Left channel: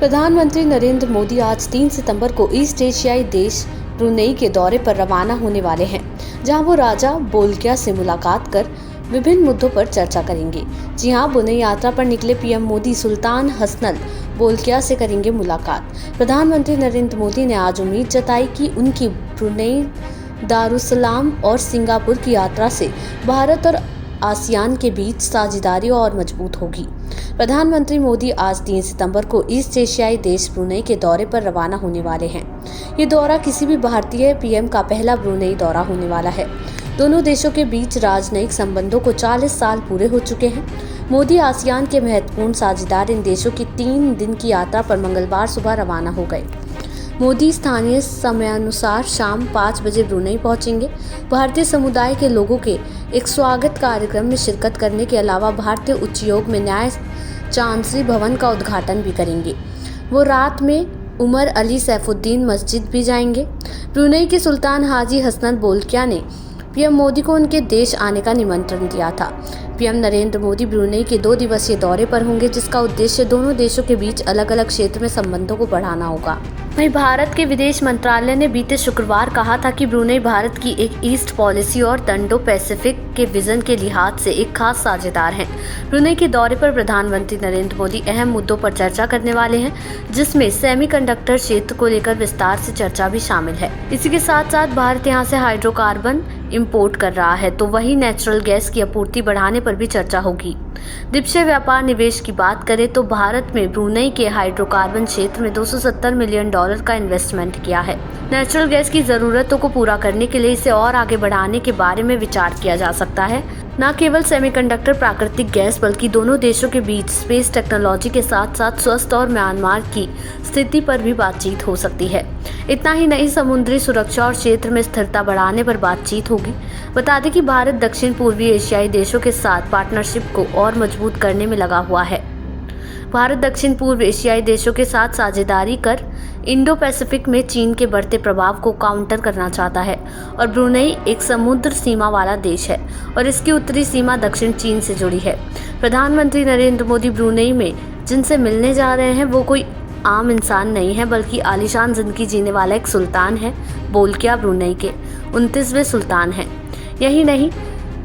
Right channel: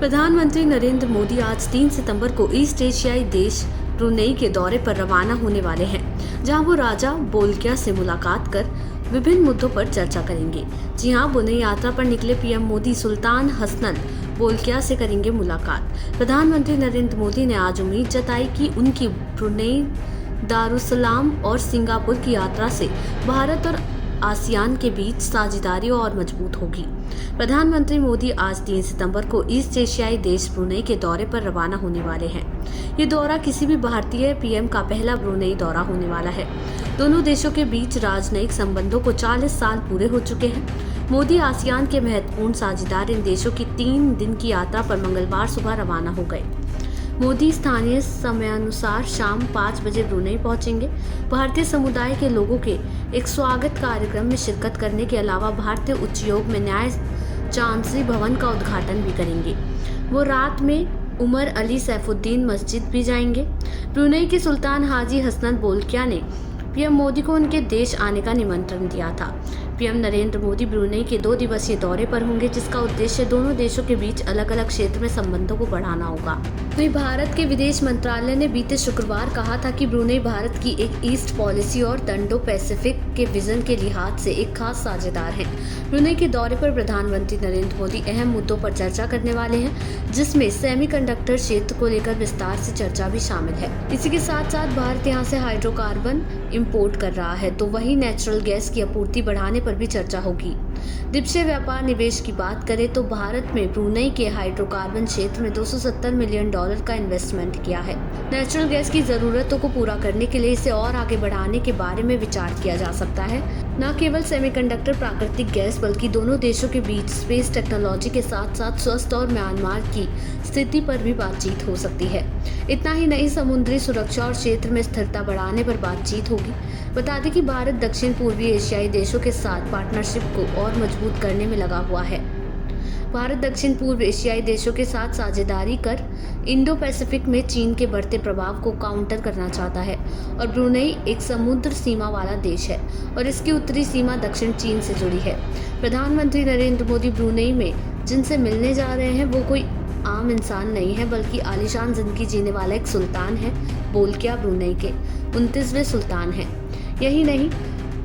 प्रधानमंत्री नरेंद्र मोदी आज 3 सितंबर को ईस्ट एशियाई देश ब्रुनेई के दौरे पर रवाना होने वाले हैं, जहां वो राजा बोल्किया से मुलाकात कर विभिन्न मुद्दों पर चर्चा करेंगे। जी हां, ब्रुनेई यात्रा पर निकले पीएम मोदी सुल्तान हसनल बोल्किया से करेंगे मुलाकात। प्रधानमंत्री नरेंद्र मोदी ने आज उम्मीद जताई कि उनकी ब्रुनेई, दारुसलाम और सिंगापुर की यात्रा से भारत और आसियान के बीच साझेदारी और मजबूत होगी। प्रधानमंत्री मोदी आज 3 सितंबर को ईस्ट एशियाई देश ब्रुनेई के दौरे पर रवाना होने वाले हैं। ये दौरा किसी भी भारतीय पीएम का पहला ब्रुनेई दौरा होने वाला है। दोनों देशों के बीच राजनयिक संबंधों को 40 साल पूरे हो चुके हैं। मोदी आसियान के महत्वपूर्ण साझेदार इन देशों की 3 दिन की यात्रा पर मंगलवार सुबह रवाना हो गए। मोदी स्थानीय समयानुसार शाम 5 बजे ब्रुनेई पहुंचेंगे। भारतीय समुदाय के लोगों के एक स्वागत कार्यक्रम में शिरकत करने के अलावा भारतीय उच्चायोग में न्याय चांसरी भवन का उद्घाटन भी करेंगे। वो रात में उमर अली सैफुद्दीन मस्जिद भी जाएंगे। ब्रुनेई के सुल्तान हाजी हसनल बोल्किया ने पीएम मोदी को उनके देश आने का निमंत्रण दिया था। पीएम नरेंद्र मोदी ब्रुनेई के 2 दिवसीय दौरे पर होंगे, जिसका उद्देश्य दोनों देशों के बीच अलग अलग क्षेत्र में संबंधों को बढ़ाना होगा। वहीं भारत के विदेश मंत्रालय ने बीते शुक्रवार कहा था कि ब्रुनेई भारत की एक ईस्ट पॉलिसी और इंडो पैसिफिक के विजन के लिहाज से एक खास साझेदार है। ब्रुनेई के दौरे पर प्रधानमंत्री नरेंद्र मोदी अहम मुद्दों पर चर्चा करने वाले हैं, जिसमें सेमीकंडक्टर क्षेत्र को लेकर विस्तार से चर्चा भी शामिल है। इसी के साथ साथ भारत यहां से हाइड्रोकार्बन इंपोर्ट कर रहा है, तो वही नेचुरल गैस की आपूर्ति बढ़ाने पर भी चर्चा होगी। द्विपक्षीय व्यापार निवेश की बात करें तो भारत में ब्रुनेई के हाइड्रोकार्बन क्षेत्र में $270 मिलियन का इन्वेस्टमेंट किया है। नेचुरल गैस की जरूरतों को पूरा करने के लिए इसे और आगे बढ़ाने के बारे में विचार किया जा सकता है। न केवल सेमीकंडक्टर प्राकृतिक गैस, बल्कि दोनों देशों के बीच स्पेस टेक्नोलॉजी के साथ साथ स्वास्थ्य और म्यांमार की स्थिति पर भी बातचीत हो सकती है। इतना ही नहीं, समुद्री सुरक्षा और क्षेत्र में स्थिरता बढ़ाने पर बातचीत होगी। बता दें कि भारत दक्षिण पूर्वी एशियाई देशों के साथ पार्टनरशिप को और मजबूत करने में लगा हुआ है। भारत दक्षिण पूर्व एशियाई देशों के साथ साझेदारी कर इंडो पैसिफिक में चीन के बढ़ते प्रभाव को काउंटर करना चाहता है। और ब्रुनेई एक समुद्र सीमा वाला देश है और इसकी उत्तरी सीमा दक्षिण चीन से जुड़ी है। प्रधानमंत्री नरेंद्र मोदी ब्रुनेई में जिनसे मिलने जा रहे हैं वो कोई आम इंसान नहीं है, बल्कि आलीशान जिंदगी जीने वाला एक सुल्तान है। बोल्किया ब्रुनेई के 29वें सुल्तान हैं। यही नहीं,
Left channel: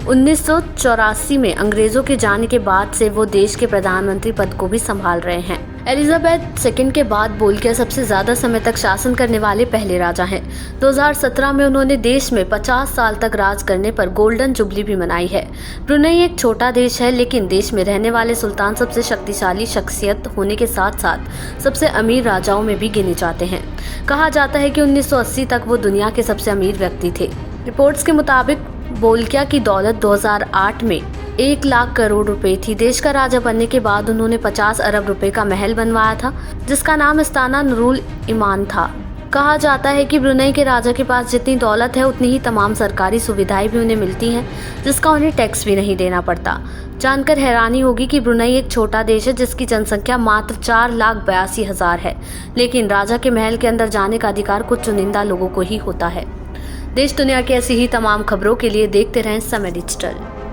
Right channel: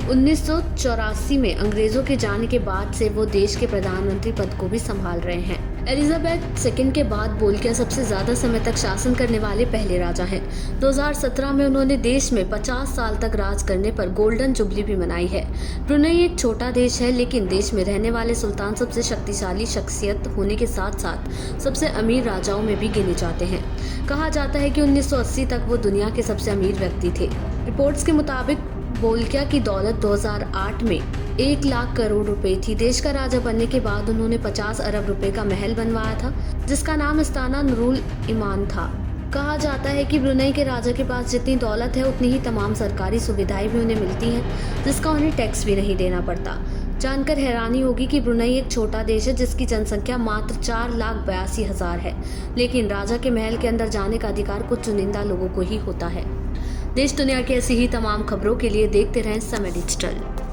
1984 में अंग्रेजों के जाने के बाद से वो देश के प्रधानमंत्री पद को भी संभाल रहे हैं। एलिजाबेथ II के बाद बोल्किया सबसे ज्यादा समय तक शासन करने वाले पहले राजा हैं। 2017 में उन्होंने देश में 50 साल तक राज करने पर गोल्डन जुबली भी मनाई है। ब्रुनेई एक छोटा देश है, लेकिन देश में रहने वाले सुल्तान सबसे शक्तिशाली शख्सियत होने के साथ साथ सबसे अमीर राजाओं में भी गिने जाते हैं। कहा जाता है कि 1980 तक वो दुनिया के सबसे अमीर व्यक्ति थे। रिपोर्ट्स के मुताबिक बोल्किया की दौलत 2008 में 1 लाख करोड़ रुपए थी। देश का राजा बनने के बाद उन्होंने 50 अरब रुपए का महल बनवाया था, जिसका नाम इस्ताना नूरुल ईमान था। कहा जाता है कि ब्रुनेई के राजा के पास जितनी दौलत है, उतनी ही तमाम सरकारी सुविधाएं भी उन्हें मिलती हैं, जिसका उन्हें टैक्स भी नहीं देना पड़ता। जानकर हैरानी होगी कि ब्रुनेई एक छोटा देश है, जिसकी जनसंख्या मात्र 4,82,000 है, लेकिन राजा के महल के अंदर जाने का अधिकार कुछ चुनिंदा लोगों को ही होता है। देश दुनिया की ऐसी ही तमाम खबरों के लिए देखते रहें समय डिजिटल।